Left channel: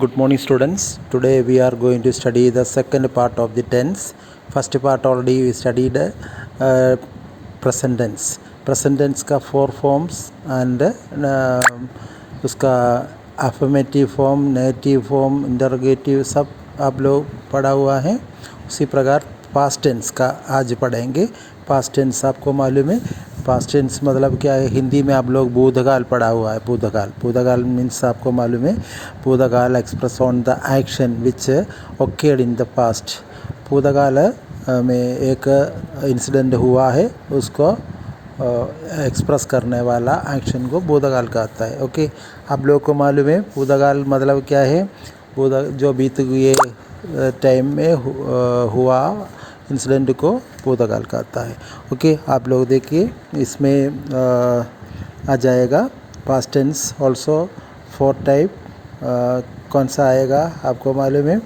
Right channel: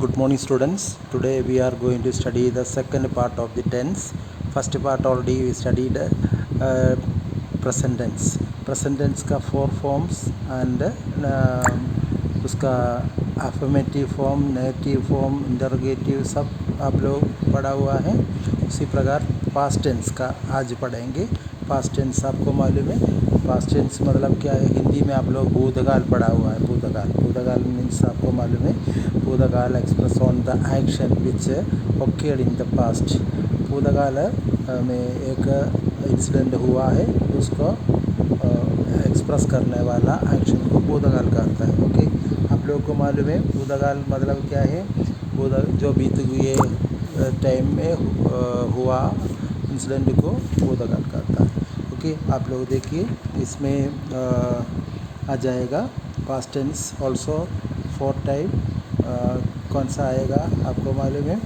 Good morning, students. Today we are going to study the second part of the tense. First part already we studied present tense. Present tense का four forms and उसका affirmative form, negative form, interrogative सब आप लोग पढ़ा हुआ है. उसी प्रकार past tense का आज पढ़ेंगे. पास्ट टेंस आपको मालूम है. पास्ट टेंस मतलब क्या है? हिंदी में आप लोग भूतकाल पढ़ा हुआ है. भूतकाल मीन्स आपको मालूम है. भूतकाल express on the action which occurred in the past. भूतकाल में एक इंसिडेंट हुआ है, उसको एक्सप्रेस करने वाला एक्शन को भूतकाल कहता है. ओके, आप लोगों को मालूम है भूतकाल मतलब क्या है? जो बीत हुए टाइम में हुआ इंसिडेंट को भूतकाल कहता है. ओके, आप लोग देखिए इसमें आ जाएगा पास्ट टेंस ऑल्सो 4 टाइप. कौन सा आएगा आपको मालूम है?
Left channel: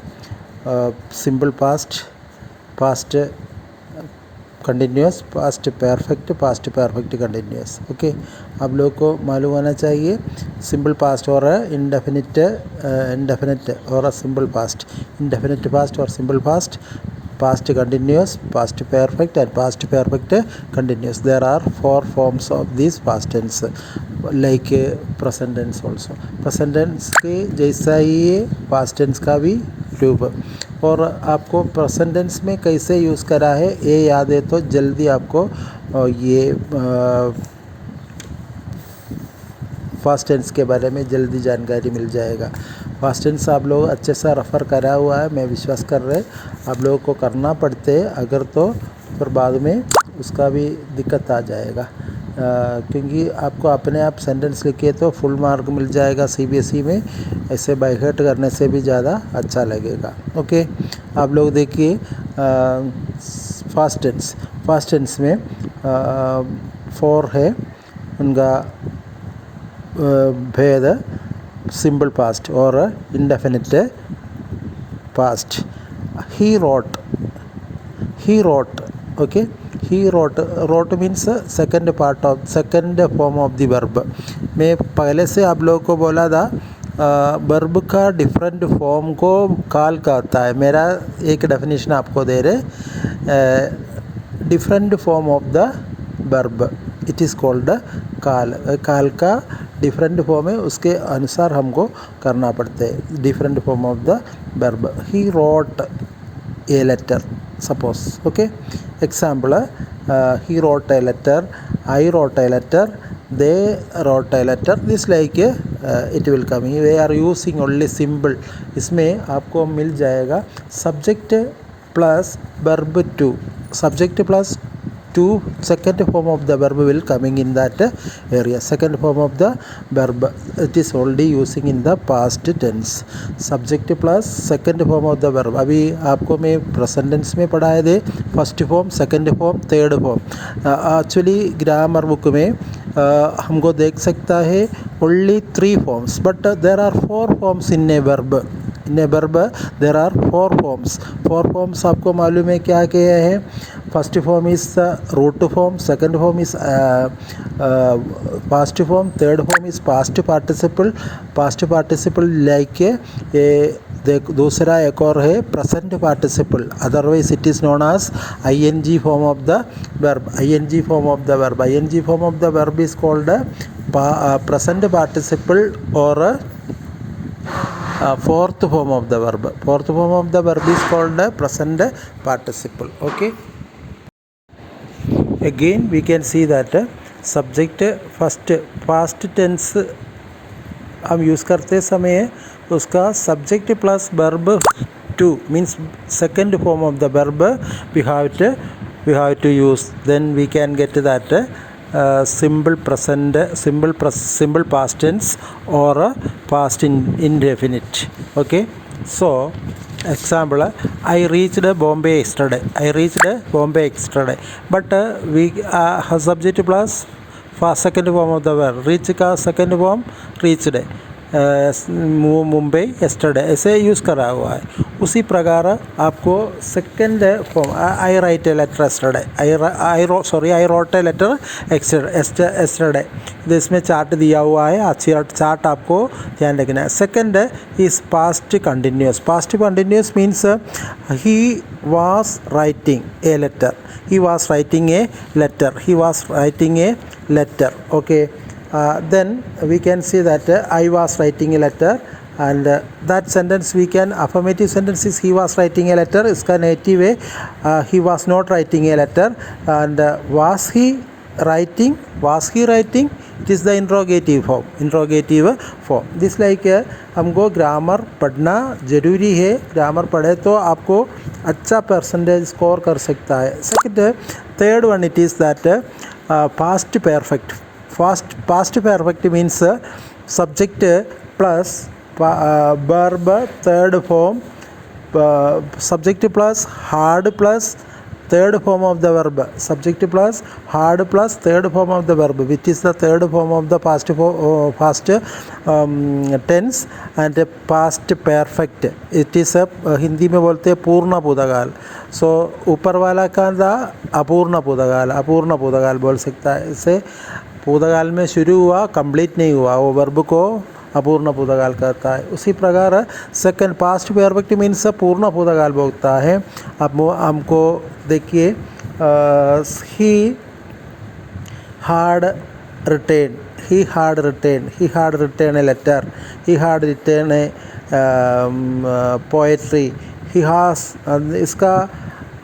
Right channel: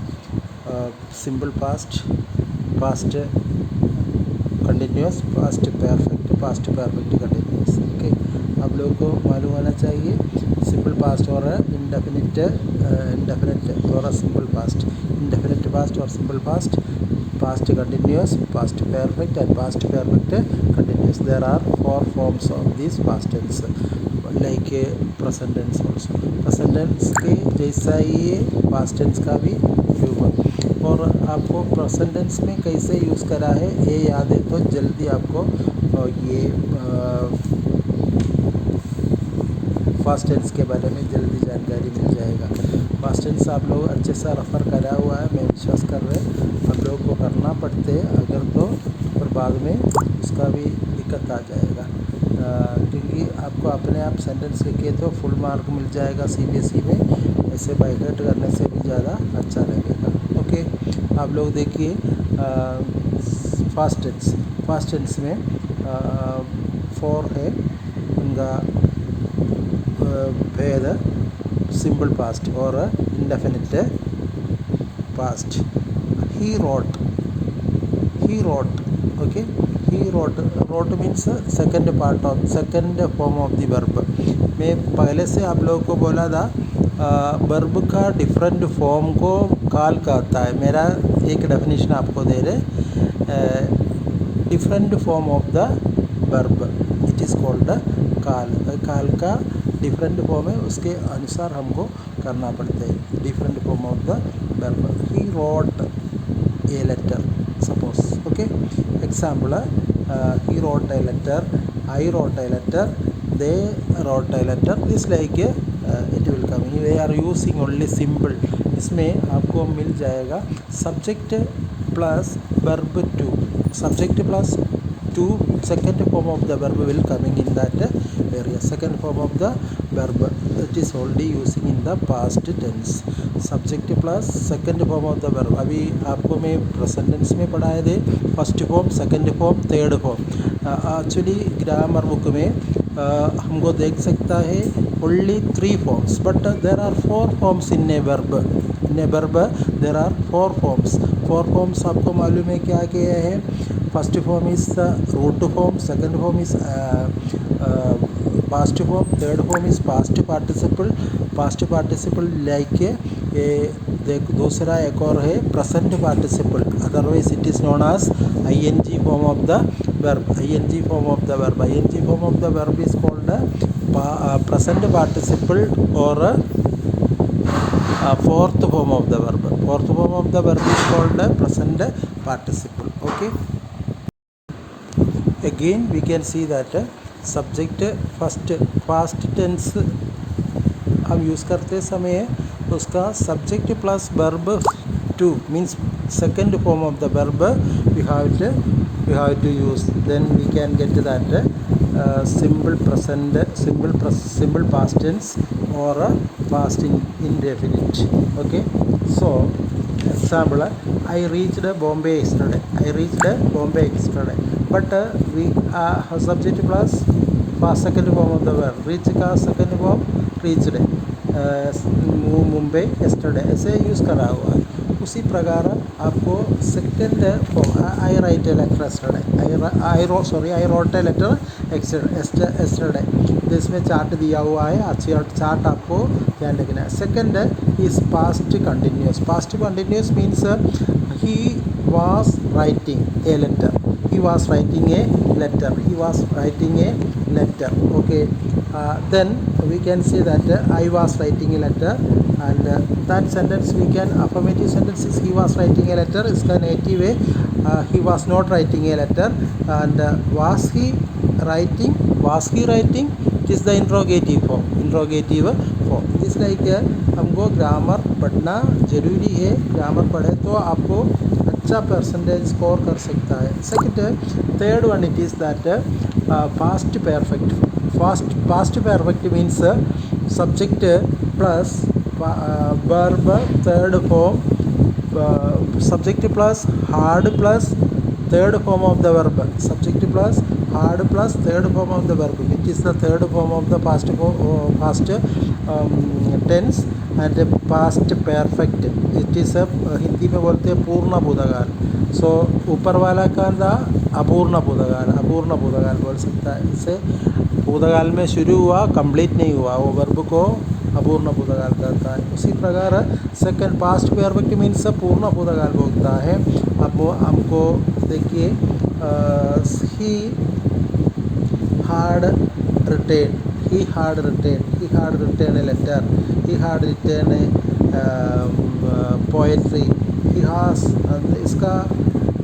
Simple past, past continuous, past perfect continuous. Okay, आप लोगों को मालूम होना चाहिए सिंपल पास्ट और इंडेफिनिट और सिंपल पास्ट. इंडेफिनिट पास्ट और simple past, past continuous, past perfect and past perfect continuous. There are 4 forms of this past tense like present tense also. present tense के जैसा ही ये past tense का भी रूप. और आपको present tense में कैसे यूज़ करा है ये याद है तो जल्दी आपको ये फास्ट टेंस के बारे में जल्दी जानकारी मिल जाएगा. फास्ट टेंस आप लोग अच्छे से रेफ़र करा हुआ है, मैं विश्वास कर रहे. आप लोगों को करना पड़ते हैं अगर तो फिर बाद में उसका भी दिक्कत आ जाएगा. क्योंकि आपको अपने आप सेंटेंस लिखिए तो फुल मार्क मिल जाएगा CBSE में. ऐसे बाय हार्ट करने से भी ज़्यादा अच्छा लगेगा. ओके, आप लोग देखिए फास्ट टेंस में 4 है उनका भेद. सिंपल पास्ट और indefinite past. he wrote. Okay, he wrote means second form of the verb. मैं पहले से आप लोगों को बोला था वर्ब का डिफरेंट फॉर्म को काल कहता है. मेरा एक डेफिनेशन आपको दे रहे. Different form of the verb it is called काल का डिफरेंट फॉर्म है, उसके अनुसार हमको करना पड़ता है. Different form of the verb. He wrote a letter suppose. Okay, example, he wrote a letter, I wrote a letter, they wrote a letter. This like it will come. They are using only symbol. इसमें आपको मिल जाएगा subject plus verb to. Subject plus to second form of the verb will coming in that area. Second form of the verb it is already using in the past tense. Subject plus second form of the verb. अभी आपको मैं present tense में पढ़ाए थे first form, second form, third form. Actually grammar book में हमको देख सकता है only 3 forms but there are 4 forms in a verb. In a verb there are 4 forms. 4 forms आपको मालूम है क्या क्या है? First form is root form, second form is past form, third form is past participle like दूसरा एक और है present participle. Otherwise it is known as ing form of the verb. ing form of the verb is called present participle or fourth form of the verb. Fourth form of the verb is called present participle. Okay, again we can see that subject past tense हम यूज़ करते समय उसका subject plus verb to means second form of the verb we have to use. Then we can get that simple past tense or past indefinite. Okay, so example, I reached Bombay yesterday. But we have subject plus second form of the verb. Reach का second form reached. Mumbai yesterday ऐसे use करा हुआ है. उसी प्रकार आपको second form I write a letter yesterday I wrote a letter yesterday, इसमें chart दिया हुआ है, अच्छी चार्ट आपको ध्यान रखना है। Second is past continuous means he was writing a letter, he was writing a letter, okay. Then we can see that I was writing a letter, and that sentence we can, affirmative sentence is he was writing a letter, इसका negative है he was not writing a letter, and was he writing, it is the interrogative form. This like हमको ग्रामर पढ़ना ज़रूरी है, ग्रामर पढ़े तो आपको अच्छा परसेंटेज स्कोर कर सकता है। Second third one it is that past perfect means subject plus verb third form, subject plus had plus third form of the verb, subject plus hard plus third form of the verb, which is the third form of the past tense and past perfect. It is a Hindi में बोलते हैं पूर्ण भूतकाल। सो ऊपर वाला का था अपूर्ण भूतकाल बोल सकता है। इसे भूतकाल में शुरू हुआ, कंप्लीट नहीं हुआ, वो वर्ब को अपूर्ण भूतकाल करता है। उसी प्रकार सेकंड पास्ट परफेक्ट मीन्स पूर्ण भूतकाल बोलता है। अब हमको देखिए he had written a letter, he had written a poetry, he has, इसका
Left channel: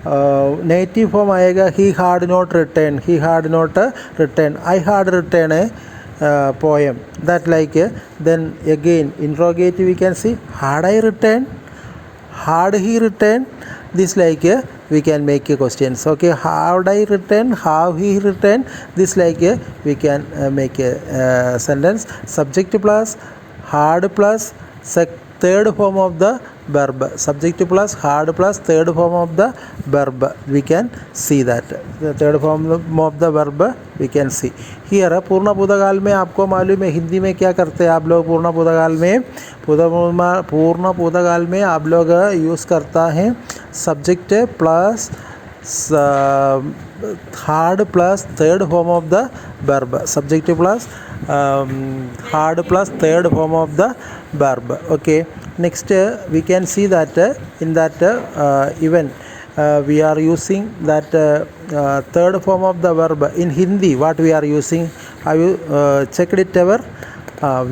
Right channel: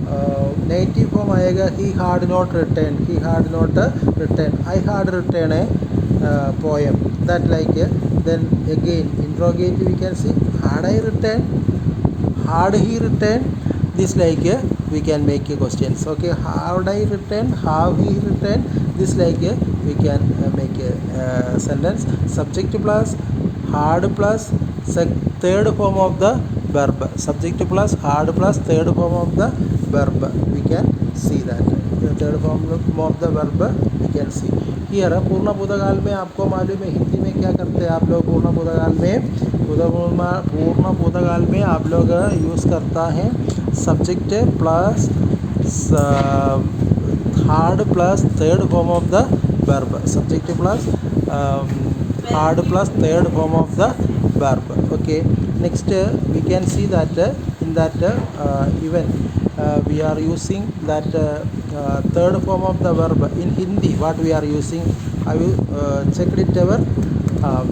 नेगेटिव फॉर्म आएगा he had not written, I had written a poem, that like then again interrogative we can see had I written, had he written, this like we can make a questions, okay. Had I written, have he written, this like we can make a sentence. Subject plus hard plus third form of the verb, subject plus hard plus third form of the verb, we can see that the third form of the verb we can see here. पूर्ण भूतकाल में आपको मालूम है हिंदी में क्या करते हैं आप लोग, पूर्ण भूतकाल में आप लोग यूज़ करता है subject plus had plus third form of the verb, subject plus hard plus third form of the verb, okay. Next we can see that in that even we are using that third form of the verb in Hindi. What we are using, have you checked it ever?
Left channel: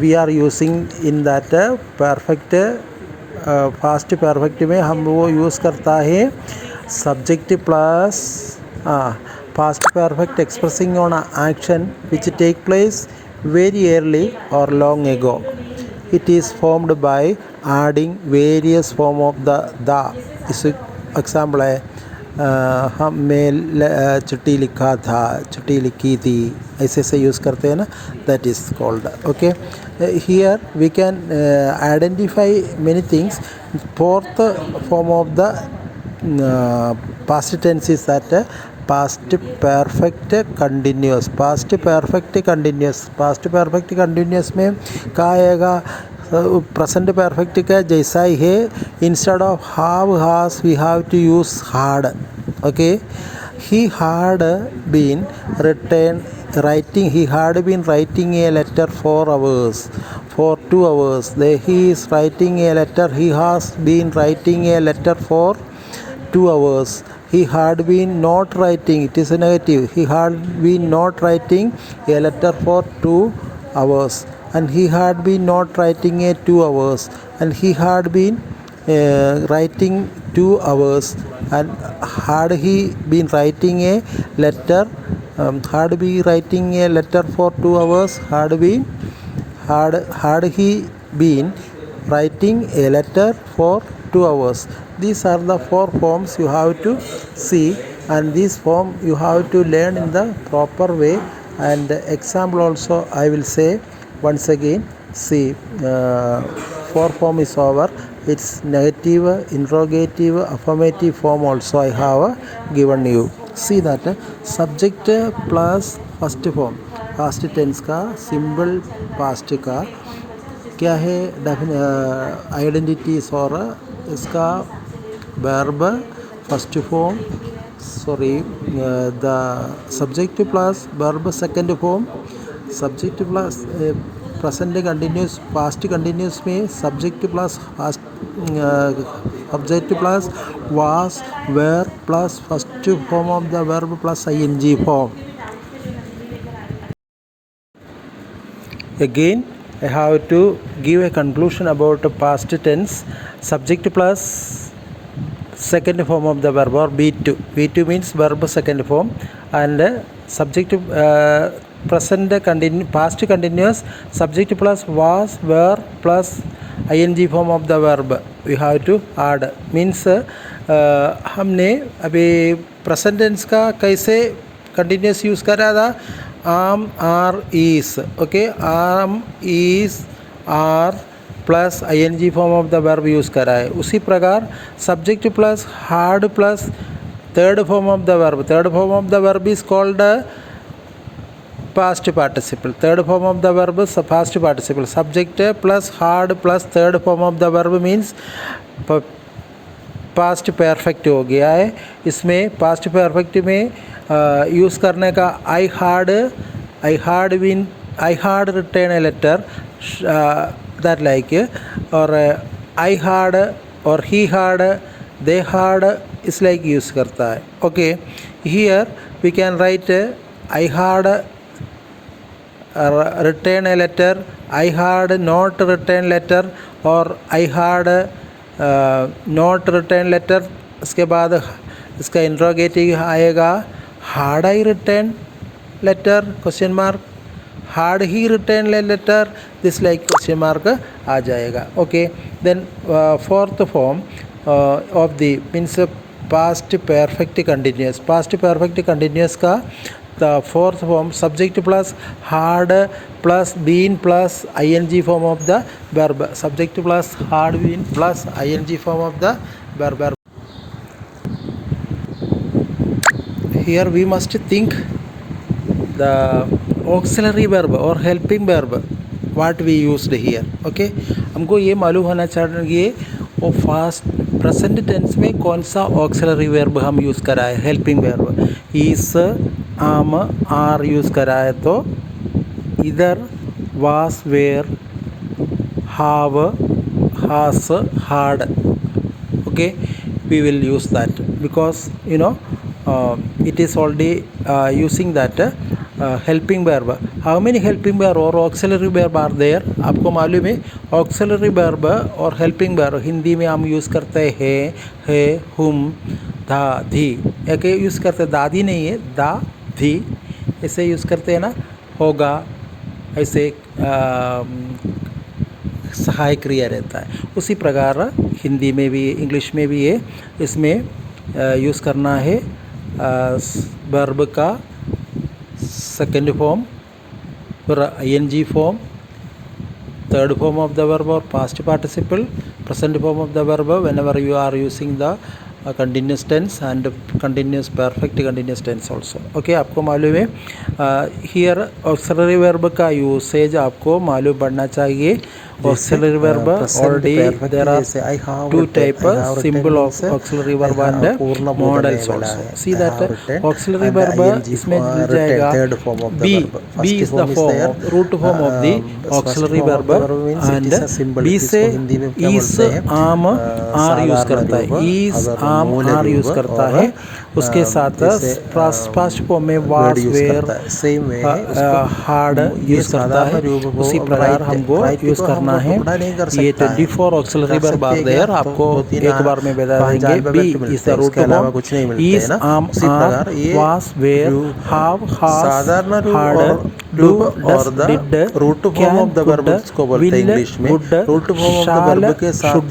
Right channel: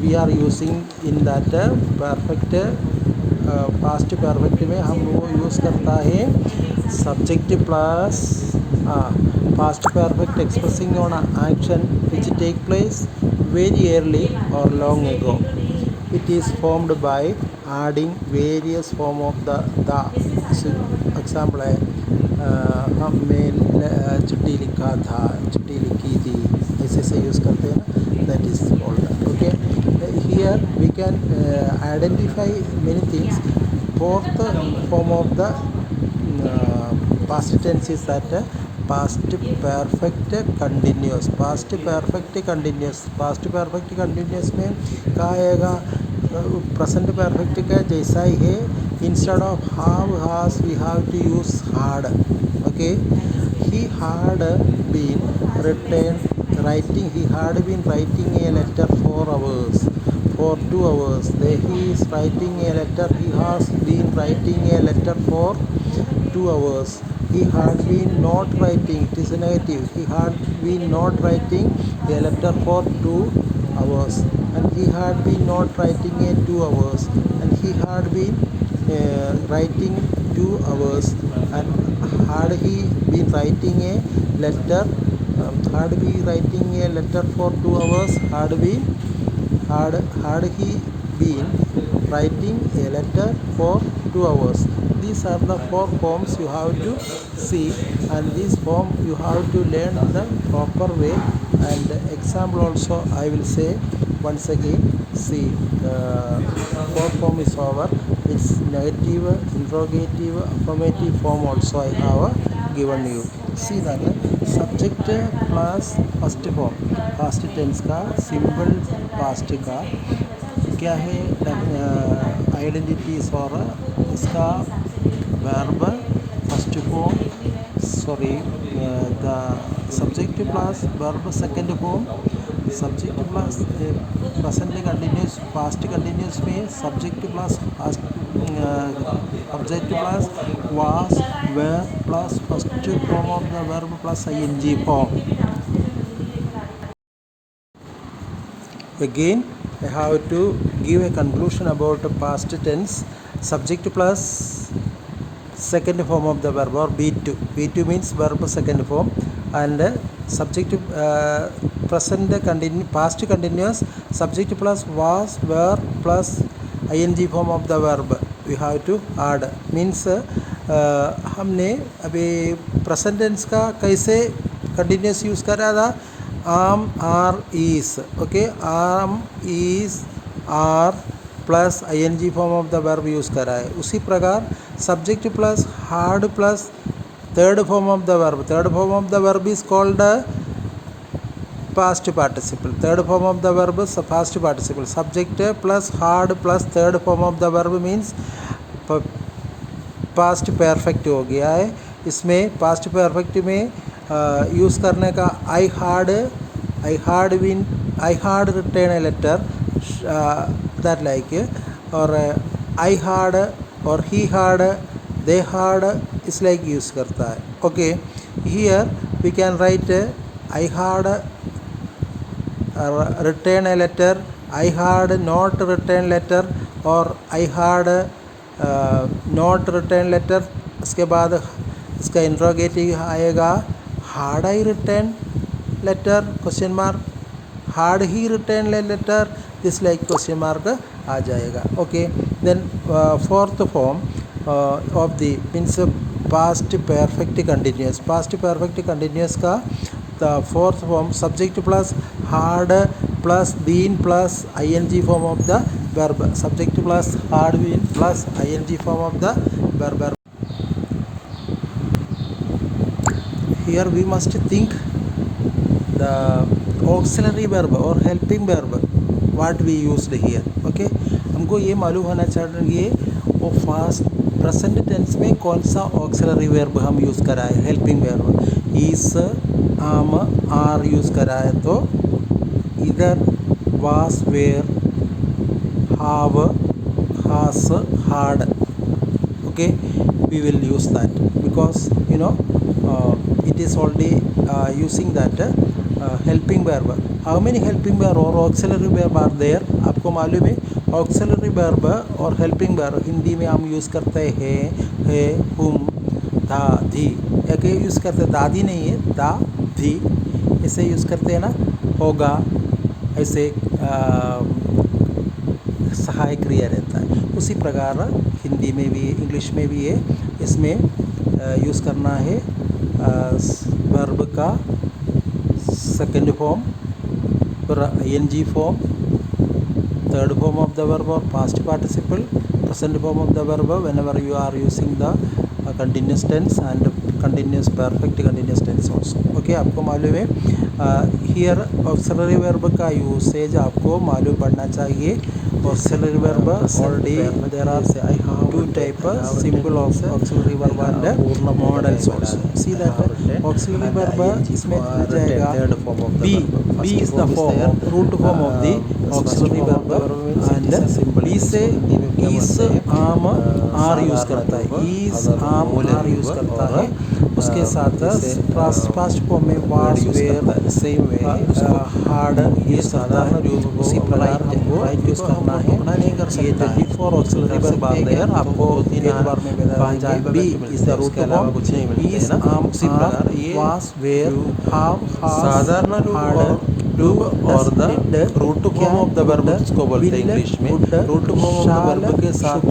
We are using in that perfect past perfect में हम वो यूज़ करता है subject plus past perfect expressing on an action which take place very early or long ago. It is formed by adding various form of the इस एग्जाम्पल है मैं चिट्ठी लिखा था, चिट्ठी लिखी थी, ऐसे यूज़ करते हैं ना, that is called, okay. Here we can identify many things. Fourth form of the past tense is that past perfect continuous में क्या आएगा, प्रेजेंट परफेक्ट का जैसा ही है, instead of have has we have to use had, okay. he had been writing a letter for 2 hours. He is writing a letter, he has been writing a letter for 2 hours. He had been not writing, it is a negative, he had been not writing a letter for 2 hours, and he had been not writing a 2 hours, and he had been writing 2 hours, and had he been writing a letter, had he writing a letter for 2 hours, had he been writing a letter for 2 hours. These are the 4 forms you have to see, and this form you have to learn in the proper way. And example also I will say once again. See, 4 form is over. It's negative, interrogative, affirmative form also I have given you. See that subject plus first form, past tense का simple past का क्या है, आइडेंटिटीज और इसका verb first form, the subject plus verb second form, subject plus present continuous past continuous में subject plus object plus was were plus first form of the verb plus ing form. Again, I have to give a conclusion about past tense. Subject plus second form of the verb or V2. V2 means verb second form, and subject present past continuous subject plus was were plus ing form of the verb we have to add. Means हमने अभी present tense का कैसे continuous use करा था, am are is. Okay, am is are plus ing form of the verb use करा है. उसी प्रकार subject plus had plus third form of the verb. Third form of the verb is called past participle. Third form of the verb past participle. Subject plus had plus third form of the verb means past perfect हो गया है. इसमें past perfect में use करने का I had return a letter that like, or I had or he had, they had is like use करता है. Okay, here we can write I had return a letter, I had not written letter, or I had not written letter. इसके बाद इसका इंट्रोगेटिव आएगा had I written letter question mark, had he written a letter, this like question mark आ जाएगा. Okay, then fourth form of the means past perfect continuous. Past perfect continuous का the fourth form subject plus had plus been plus ing form of the verb. Subject plus had been plus ing form of the verb. Here we must think the auxiliary verb और helping verb what we used here. Okay, हमको ये मालूम होना चाहिए वो fast present tense में कौन सा ऑक्सिलरी वर्ब हम यूज़ करा है. हेल्पिंग वर्ब इस आम आर यूज़ करा है तो इधर वास were have has had. Okay, we will use that because you know it is already using that helping verb. How many helping verb or auxiliary verb are there? आपको मालूम है auxiliary verb और helping verb Hindi में हम यूज़ करते हैं है हुम धा धी. एक यूज़ करते हैं दादी नहीं है दा धी ऐसे यूज़ करते हैं ना. होगा ऐसे सहायक क्रिया रहता है. उसी प्रकार हिंदी में भी इंग्लिश में भी है. इसमें यूज़ करना है वर्ब का सेकेंड फॉर्म फिर ing form, third form of the verb और past participle, present form of the verb whenever you are using the continuous tense and continuous perfect continuous tense also. Okay, आपको मालूम है here auxiliary verb का यूसेज आपको मालूम पड़ना चाहिए. Auxiliary verb already there are two types symbol of auxiliary verb and models also. See that auxiliary verb इसमें मिल जाएगा be is the form root form of the auxiliary verb and be से is am are use करता है. is am are use करता है. उसके साथ past form में was were hard use करता है. उसी प्रकार हमको यूज़ करना है. ये 24 ऑक्सिलरी वर्ब आर देयर. आपको एक बार में बता देंगे. B is the root form, is am are was were have has had do और the root form of the verb इसको बोलते हैं इंग्लिश में. Root form of the verb के साथ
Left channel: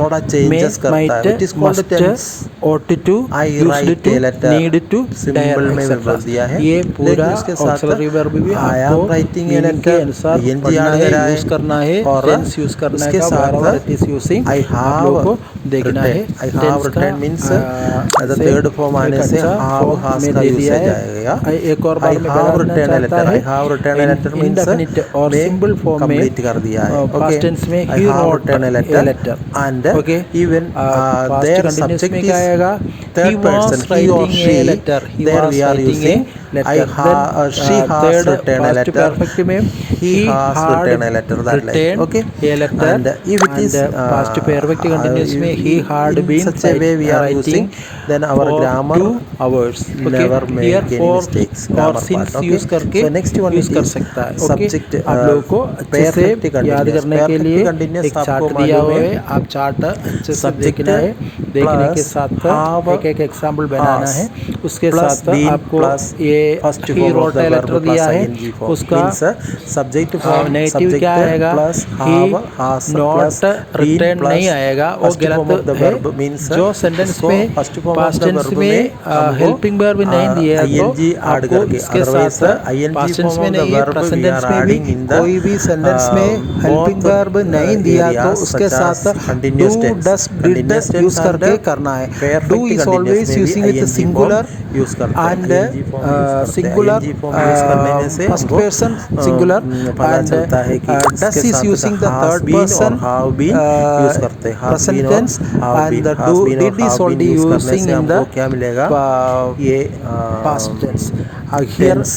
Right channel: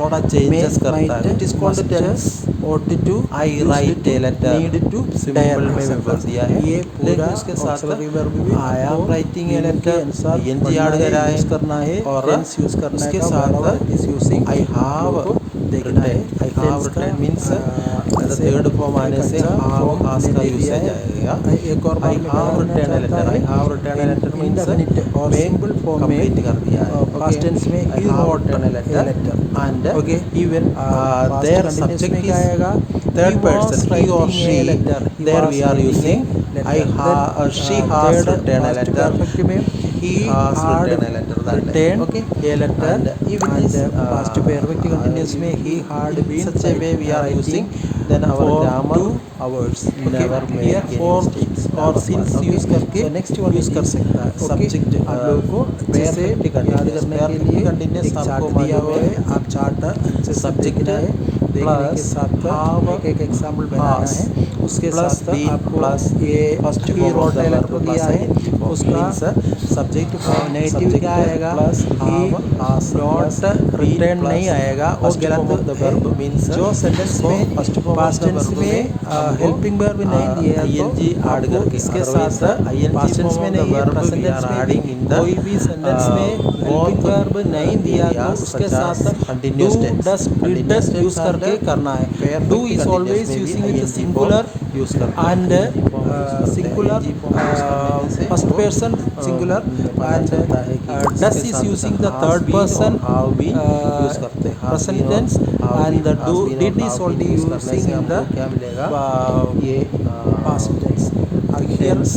थोड़ा चेंजेस करता है. It is called tense. ought to, I write a letter, need to, symbol में बोल दिया है. ये पूरा ऑक्सिलरी वर्ब भी I am writing a letter ing add करना है और टेंस यूज़ करना है. इसके साथ it is using I have देखना है. I have written means third form आने से have has का यूज़ हो जाएगा. एक और बार I have written a letter. I have have written a letter means indefinite और में सिंपल फॉर्म में कंप्लीट कर दिया है. पास्ट टेंस में I he have wrote written a a letter letter and okay even past their continuous subject में is क्या आएगा third person, he or writing a she. Letter he There was we are writing using a I letter she has third written a past letter, perfect में he has had written a letter, that like, written okay. a letter And if it is past perfect continuous में he had in been such a way we are writing using, then our for grammar 2 hours never okay make here any for mistakes, और grammar since part, okay. Use करके So next one use कर is सकता है okay subject आप लोगों को अच्छे से perfect याद continuous. करने के Perfect लिए continuous एक आपको चार्ट दिया मालूम हुआ है, है आप चार्ट अच्छे से subject देखना है देखने के plus साथ have एक एक एग्जाम्पल बनाना has है उसके plus साथ been आपको plus ये first he form of wrote the letter verb दिया plus है ing form उसका means subject form negative subject क्या आएगा plus ही have has plus not been return plus नहीं आएगा वो first form of गलत the है verb means जो सेंटेंस इसको में first form of past the tense verb में हमको हेल्पिंग वर्ब नहीं दिया है तो ing add आपको करके, इसके otherwise साथ ing पास्ट टेंस form में of the नहीं है verb present we tense are में भी adding in the कोई भी सेंटेंस में हेल्पिंग both वर्ब नहीं दिया तो areas उसके such as साथ do continuous tense, does did continuous tense use करके and करना है perfect do is continuous always में भी using with ing form singular use करते हैं, and ing form यूज करते हैं. singular ing form यूज करने से first हमको person singular पता and चलता है कि does इसके is साथ using the has third been person और have been यूज करते हैं, has present been और tense have and been, the has been और did is have been already use करने using से in the हमको क्या मिलेगा, ये past tense here tense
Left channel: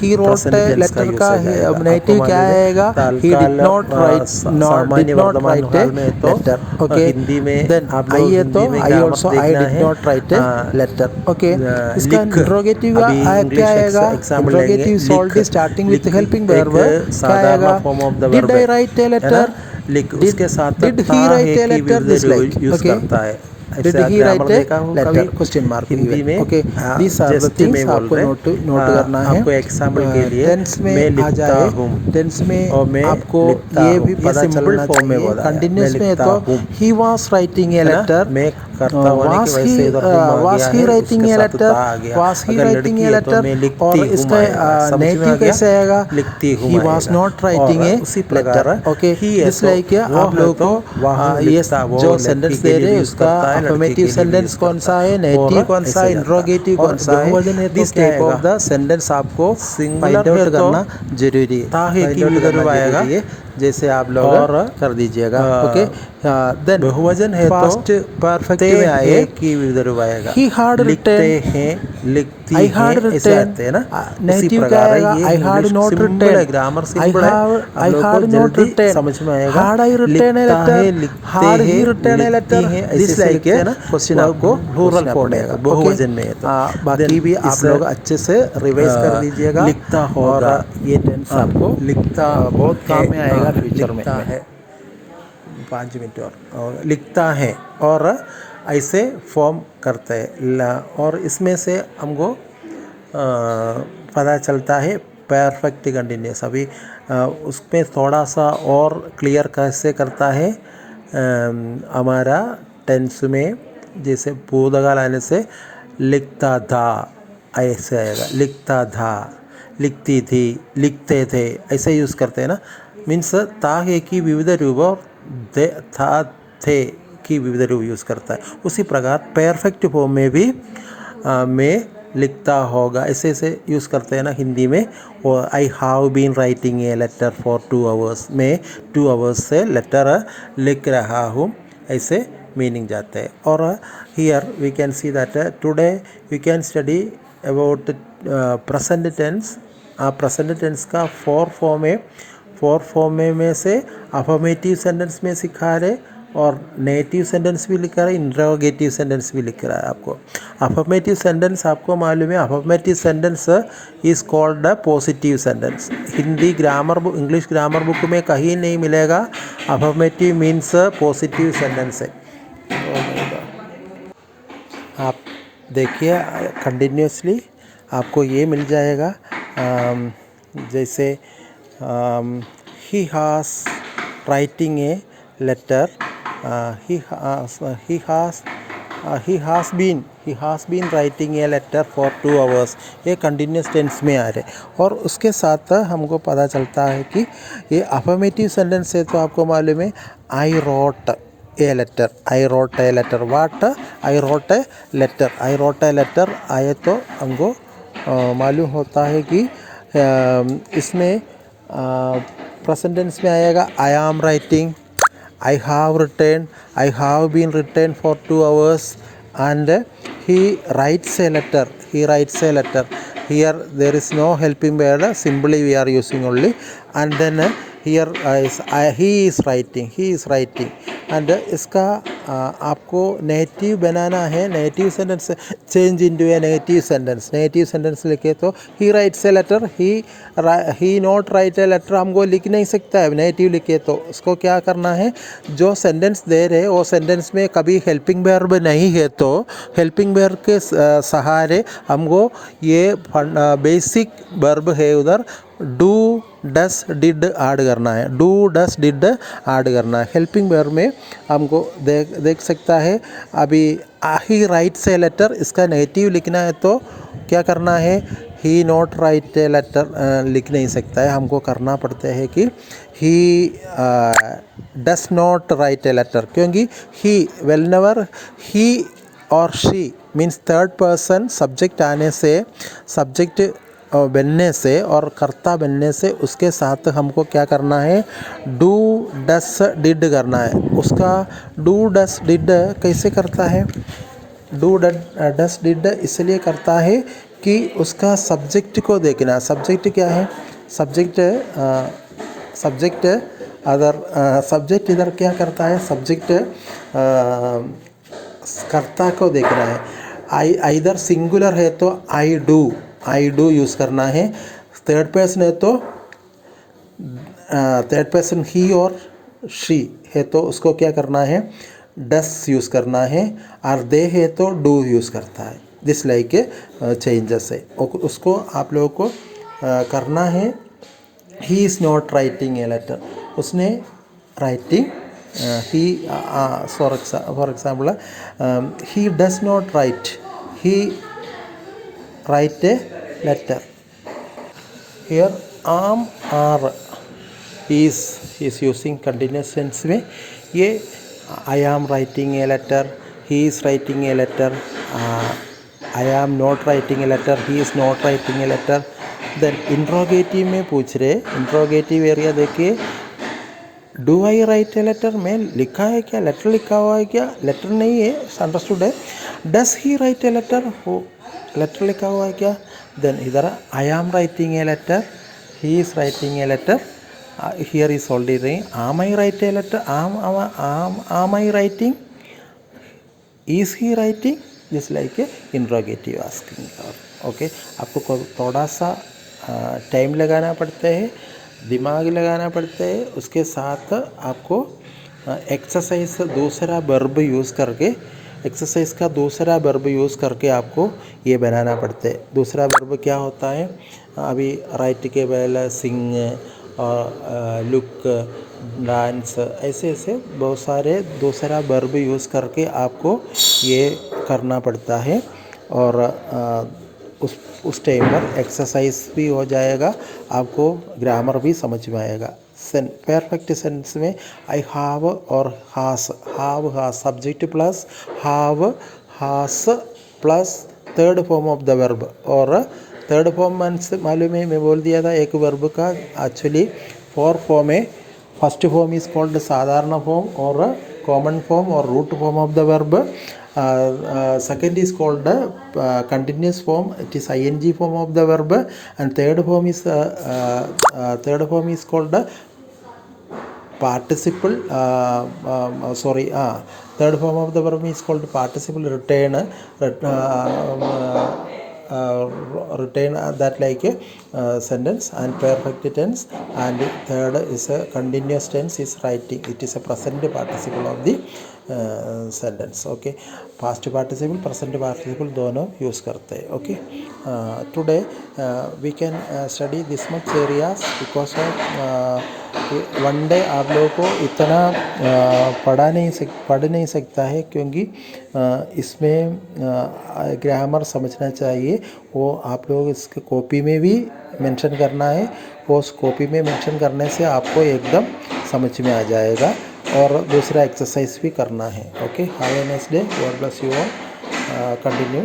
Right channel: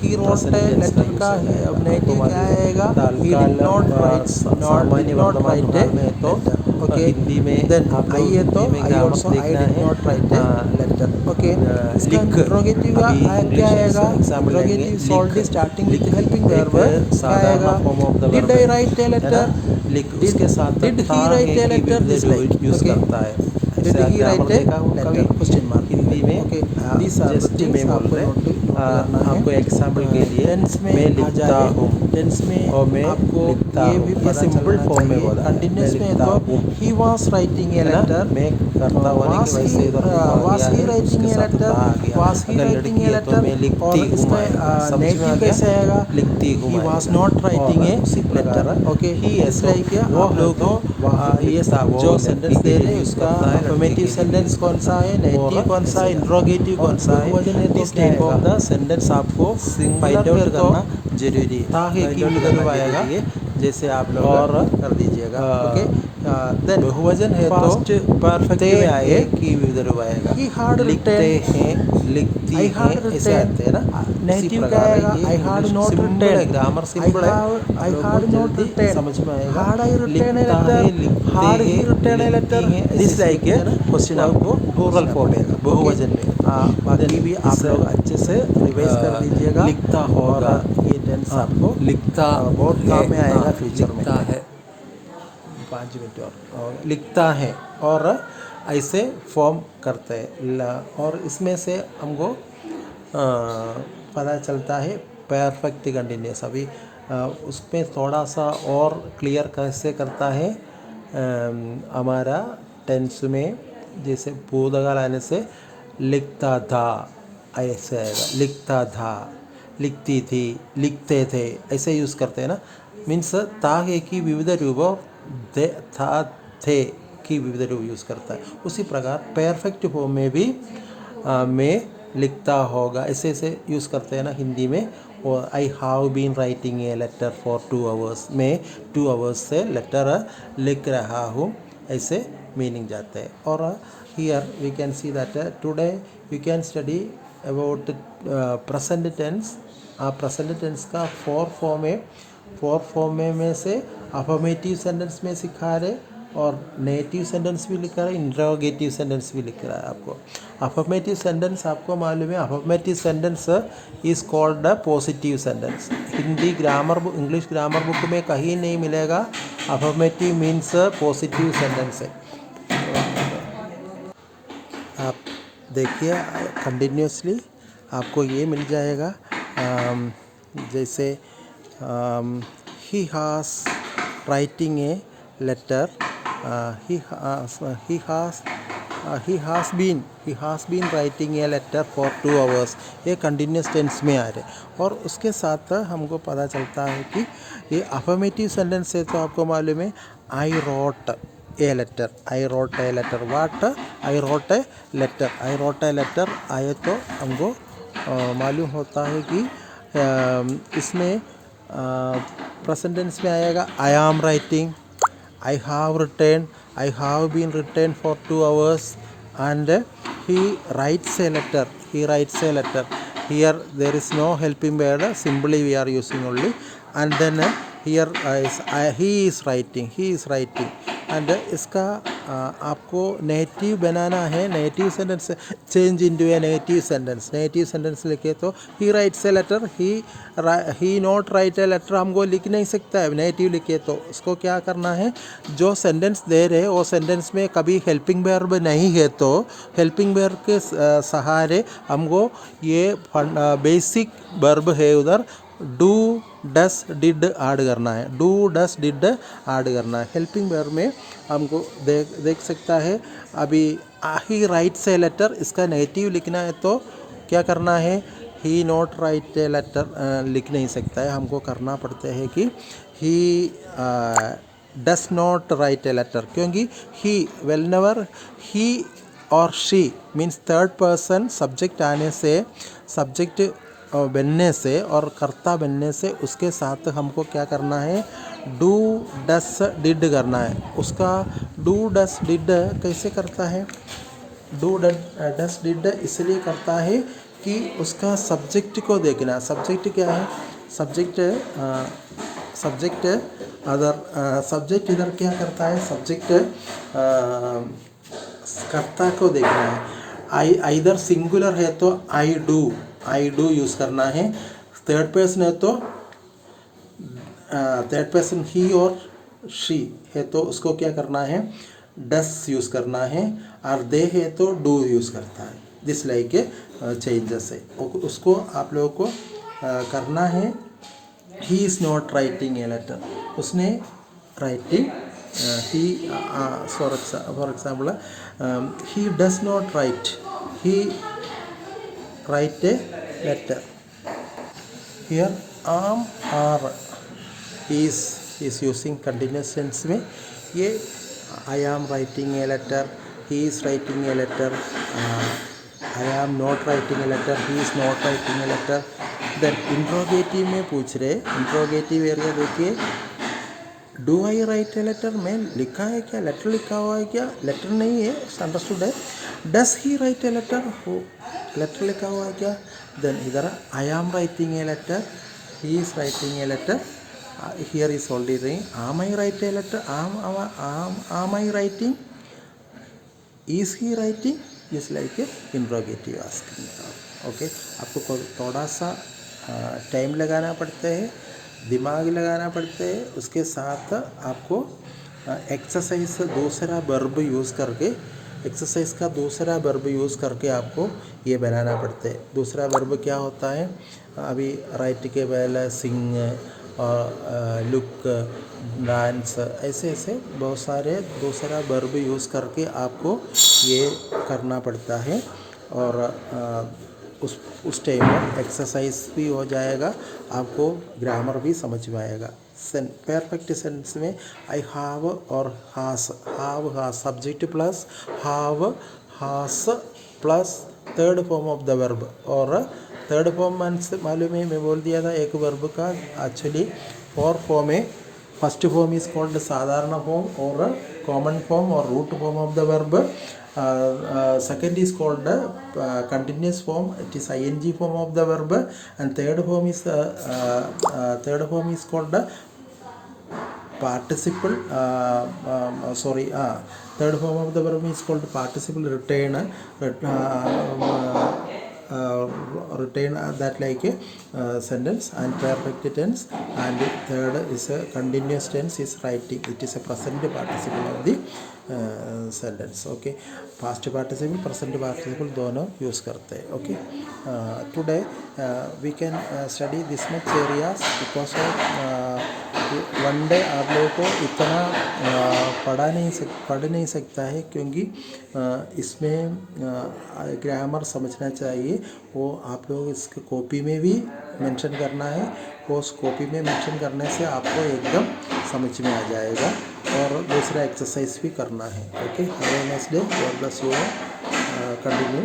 he wrote present a tense letter use का हो जाएगा. आपको नेगेटिव क्या मालूम है आएगा he तात्काल did not write सामान्य did not वर्तमान write काल a में तो letter okay हिंदी में then आप लोग आइए तो हिंदी में I ग्रामर also I देखना did है, not write a letter okay इसका लिख, इंट्रोगेटिव अभी क्या इंग्लिश आएगा एग्जाम्पल लेंगे, इंट्रोगेटिव ऑलरेडी स्टार्टिंग विथ लिख हेल्पिंग वर्ब एक क्या साधारण आएगा form of the did verb I है राइट ए ना, लेटर लिख उसके साथ डिड ता ही है राइट ए कि letter this like use okay करता है, डिड ऐसे ही ग्रामर राइट ए देखा हो लेटर कभी क्वेश्चन मार्क हिंदी में. Okay these are the just things में बोल आपको रहे नोट करना है आपको एग्जाम्पल के लिए टेंस में मैं आ लिखता जाए हूँ टेंस में और मैं आपको लिखता ये हूँ, भी ये पता सिंपल चलना फॉर्म में चाहिए बोला है, मैं कंटिन्यूस में लिखता तो हूँ ही वाज राइटिंग ए है ना, लेटर मैं करता होने की वजह से इधर हुम आ वाज गया ही है, राइटिंग उसके ए साथ ता लेटर आ गया. वाज ही अगर राइटिंग लड़की ए है तो लेटर मैं और लिखती हूँ इसका आएगा, समझ में आ नेगेटिव गया, कैसे आएगा लिखती हूँ ही वाज आएगा. नॉट राइटिंग और ए उसी प्रकार लेटर ओके ही है इस तो लाइक वो आप है लोगों तो को वह ये लिखता, वो जो लड़की सेंटेंस के दे लिए रहे भी हैं यूज उसका करता है, लड़के अफर्मेटिव के लिए भी सेंटेंस यूज कौन करता सा है है, नेगेटिव और कौन सा ऐसे करता है. इंट्रोगेटिव और कौन सा है बहुवचन है तो दिस क्या टाइप ऑफ आएगा, द सेंटेंस आपको सिंगुलर फाइंड आउट है तो करना जरूरी है ता है कि फाइंड आउट विदर्भ करना आएगा, जरूरी है जैसे आप लोग और कर दीजिएगा ओके देन बहुवचन है तो फास्ट परफेक्ट ते में आए है कि विदर्भ आएगा, ही हार्ड लिखते रिटर्न हैं, लिखती आई हैं, हार्ड ऐसे रिटर्न आते हैं ना. उसी नेगेटिव क्या प्रकार है आएगा ये आई हार्ड इंग्लिश नॉट सिंपल है, रिटर्न ग्रामर आई सिंपल है, हैव आप आई लोग को हार्ड नॉट जल्दी रिटर्न समझ में आएगा. हार्ड आई रिटर्न ए लिखता है, लेटर लिखते हार्ड ही हैं, रिटर्न ए लिखती लेटर हैं, ऐसे दिस ऐसे लाइक लिखते हैं ना, क्वेश्चन आपको प्लूरल फॉर्म है तो बहुवचन में है तो बाकी Then भी आप इस लोग अच्छे से रिवाइज कर दीजिएगा लिखता होगा, और ये टेंस आपको लिखता बहुत काम में आएगा फ्यूचर में लिखता है 5 मिनट और लिखता है और ऐसे फॉर्म करते हैं और इसमें से हमको पता चलता है परफेक्ट कंटिन्यूस. अभी उसमें थोड़ा सा और क्लियर कैसे करता है हमारा टेंस में, जैसे भूतकाल आने से लिखता था ऐसे आएगा, लिखता था, लिखती थी, लिखते थे, ऐसे यूज़ करते हैं ना. मीन्स ता है कि विविध रूप और दे था थे की विविध रूप यूज़ करता है. उसी प्रकार परफेक्ट फॉर्म में भी मैं लिखता होगा ऐसे ऐसे यूज़ करते हैं ना हिंदी में. और I have been writing a letter for 2 hours, मैं 2 आवर्स से लेटर लिख रहा हूँ, ऐसे मीनिंग जाते हैं. और here we can see that today we can study about present tense. Present tense का 4 फॉर्म है. 4 फॉर्म में से अफर्मेटिव सेंटेंस में सिखा रहे और नेगेटिव सेंटेंस भी लिख रहा है, इंट्रोगेटिव सेंटेंस भी लिख रहा है आपको. अफर्मेटिव सेंटेंस आपको मालूम है, affirmative sentence is called a positive sentence. Hindi grammar book, English grammar book में कहीं नहीं मिलेगा अफर्मेटिव मीन्स पॉजिटिव सेंटेंस है. आप देखिए कंटिन्यूसली आपको ये मिल जाएगा. जैसे he has writing a letter, he has been writing a letter for 2 hours. ये कंटिन्यूस टेंस में आ रहे और उसके साथ हमको पता चलता है कि ये अफर्मेटिव सेंटेंस है. तो आपको मालूम है I wrote a letter, I wrote a letter, what I wrote a letter, I wrote a letter आए तो हमको मालूम होता है कि इसमें प्रेजेंट टेंस में आएगा आई am writing, I have written, I have been written for 2 hours, and he writes a letter. He writes a letter. Here there is no helping verb. Simply we are using only. And then here he is writing. He is writing. And इसका आपको negative बनाना है. Negative sentence change into a negative sentence. Negative sentence लिखे तो he writes a letter, he not write a letter हमको लिख नहीं सकता है. नेगेटिव लिखे तो उसको क्या करना है, जो सेंटेंस दे रहे वो सेंटेंस में कभी हेल्पिंग वर्ब नहीं है तो हेल्पिंग वर्ब के सहारे हमको ये बेसिक वर्ब है उधर डू डस डिड ऐड करना है. डू डस डिड ऐड करना है. हेल्पिंग वर्ब में हमको देख सकता है अभी ही राइट्स ए लेटर, इसका नेगेटिव लिखना है तो क्या करना है, he not write a letter लिख नहीं सकता है. हमको करना पड़ता है कि he does not write a letter, क्योंकि ही व्हेनेवर ही और she means third person subject आने से, सब्जेक्ट बनने से और कर्ता बनने से उसके साथ हमको क्या करना है, डू डस डिड करना है. उसका डू डस डिड कैसे करता है, डू डस डिड इसलिए करता है कि उसका सब्जेक्ट को देखना. सब्जेक्ट क्या है, सब्जेक्ट अगर सब्जेक्ट इधर क्या करता है, सब्जेक्ट कर्ता को देखना है. आई इधर सिंगुलर है तो आई डू यूज़ करना है. थर्ड पर्सन है तो थर्ड पर्सन ही और शी है तो उसको क्या करना है, डस यूज़ करना है. और दे है तो डू यूज़ करता है. दिस लाइक चेंजेस है. उसको आप लोगों को करना है. He is not writing a letter, उसने writing he for example he does not write, he write a letter. Here am are is using continuous tense में. ये I am writing a letter, he is writing a letter, I am not writing a letter, he is not writing a letter. Then interrogative में पूछ रहे, interrogative area देखिए. Do I write a letter में लिखा है क्या, लेटर लिखा हुआ है क्या, लेटर नहीं है, अंडरस्टूड है. Does he write a letter, हो लेटर लिखा हुआ है क्या. देन इधर I am writing a letter, he is writing a letter. Here is already रही. Am I write a letter, am I writing, is he writing. Just like a interrogative asking. Okay, आपको थोड़ा सा टाइम लगाना पड़ता है, दिमाग लगाना पड़ता है. उसके साथ आपको एक्सरसाइज दूसरा वर्ब यूज़ करके, एक्सरसाइज का दूसरा वर्ब यूज़ करके आपको ये बनाना पड़ता है. दूसरा वर्ब क्या होता है, अभी राइट के पहले सिंग और लुक, डांस, ऐसे बहुत सारे दूसरा वर्ब यूज़ करके आपको ये करना पड़ता है. और उस टाइम पर एक्सरसाइज भी हो जाएगा, आपको ग्रामर भी समझ में आएगा. परफेक्ट सेंस में आई हैव और has, have has subject plus have has plus third form of the verb. और थर्ड फॉर्म मालूम है, मैं बोल दिया था एक वर्ब का एक्चुअली 4 फॉर्म है. फर्स्ट फॉर्म इज कॉल्ड साधारण फॉर्म और कॉमन फॉर्म और root form of the verb. Second is called continuous form, it is ing form of the verb. And third form is called participle, third form of the verb is called participle return, return that like a sentence. And perfect tense, and third is a continuous tense is writing, it is a present participle of the sentence. Okay, past participle present participle दोनों use करते हैं. Okay, today we can study this much areas because one day आप लोगों को इतना पढ़ नहीं सकता है, क्योंकि इसमें ग्रामर समझना चाहिए. वो आप लोग इसके कॉपी में भी मेंशन करना है. वो उस कॉपी में मेंशन करने से आपको एकदम समझ में आ जाएगा. और दूसरा एक्सरसाइज भी करना है. Okay, have a nice day, God bless you all. Continue.